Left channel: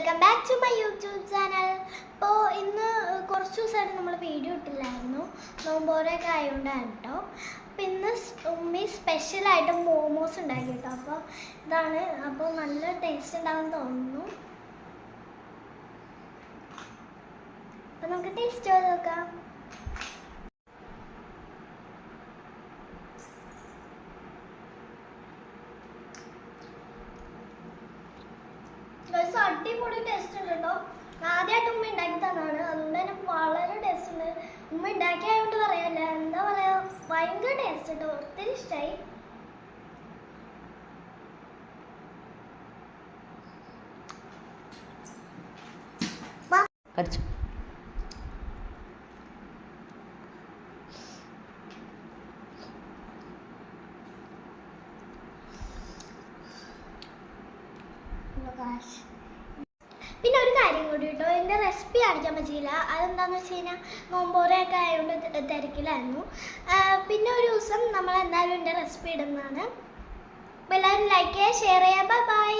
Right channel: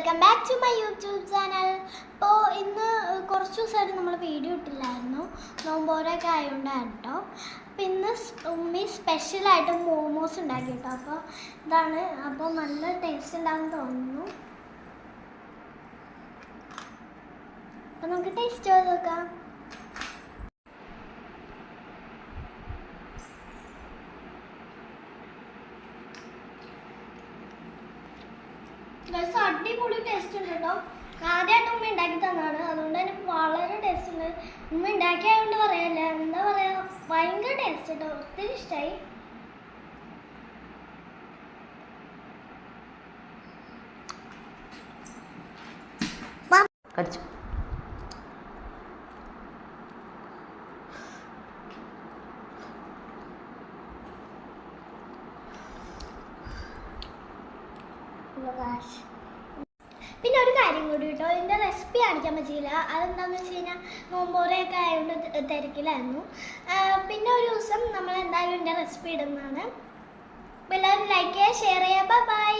Welcome back to my YouTube channel. അപ്പോൾ ഇന്ന് കുറച്ച് ദിവസമായിട്ട് നമ്മൾ വീഡിയോ ഇട്ടില്ലായിരുന്നു. നോമ്പോരൊക്കെ ആയതുകൊണ്ടാണ് കേട്ടോ അപ്പോൾ ഇന്ന് ഉമ്മി സ്പെഷ്യലായിട്ട് മോമോസ് ഉണ്ടാക്കി കേട്ടോ അപ്പോൾ ഇതാണ് അപ്പോൾ നല്ല ടേസ്റ്റ് ഉണ്ടാവും തോന്നുന്നു. അപ്പോൾ നമുക്ക് ടേസ്റ്റ് ചെയ്ത് നോക്കാം. അടിപൊളി ടേസ്റ്റ് ഉണ്ട് കേട്ടോ. ആദ്യമായിട്ട് ഉമ്മ ഉണ്ടാക്കി തന്നാണ് അതുകൊണ്ട് തന്നെ വളരെ ടേസ്റ്റ് ഉണ്ട്. ഉമ്മ ഉണ്ടാക്കിയായതുകൊണ്ട് പറയാല്ല എന്താ പറയാ ഭയങ്കര ടേസ്റ്റ് കേട്ടോ. ഒത്തിരി ഇഷ്ടമായി കടിച്ചു. പിന്നെ ഒരു കാര്യം കൂടി കേട്ടോ. എന്റെ റെസിപ്പി കാണിക്കാൻ പറ്റിയില്ല. അതെന്താണെന്ന് വെച്ച് കഴിഞ്ഞാൽ നോമ്പോറയൊക്കെ ആയതുകൊണ്ട് തിരക്കിലായിരുന്നു. പിന്നെ ഒരു ദിവസം നമ്മൾ എന്തായാലും എന്റെ റെസിപ്പി ഇടുന്നതാണ്. എല്ലാവരും ലൈക്ക് ചെയ്യുക ഷെയർ ചെയ്യുക. Bye bye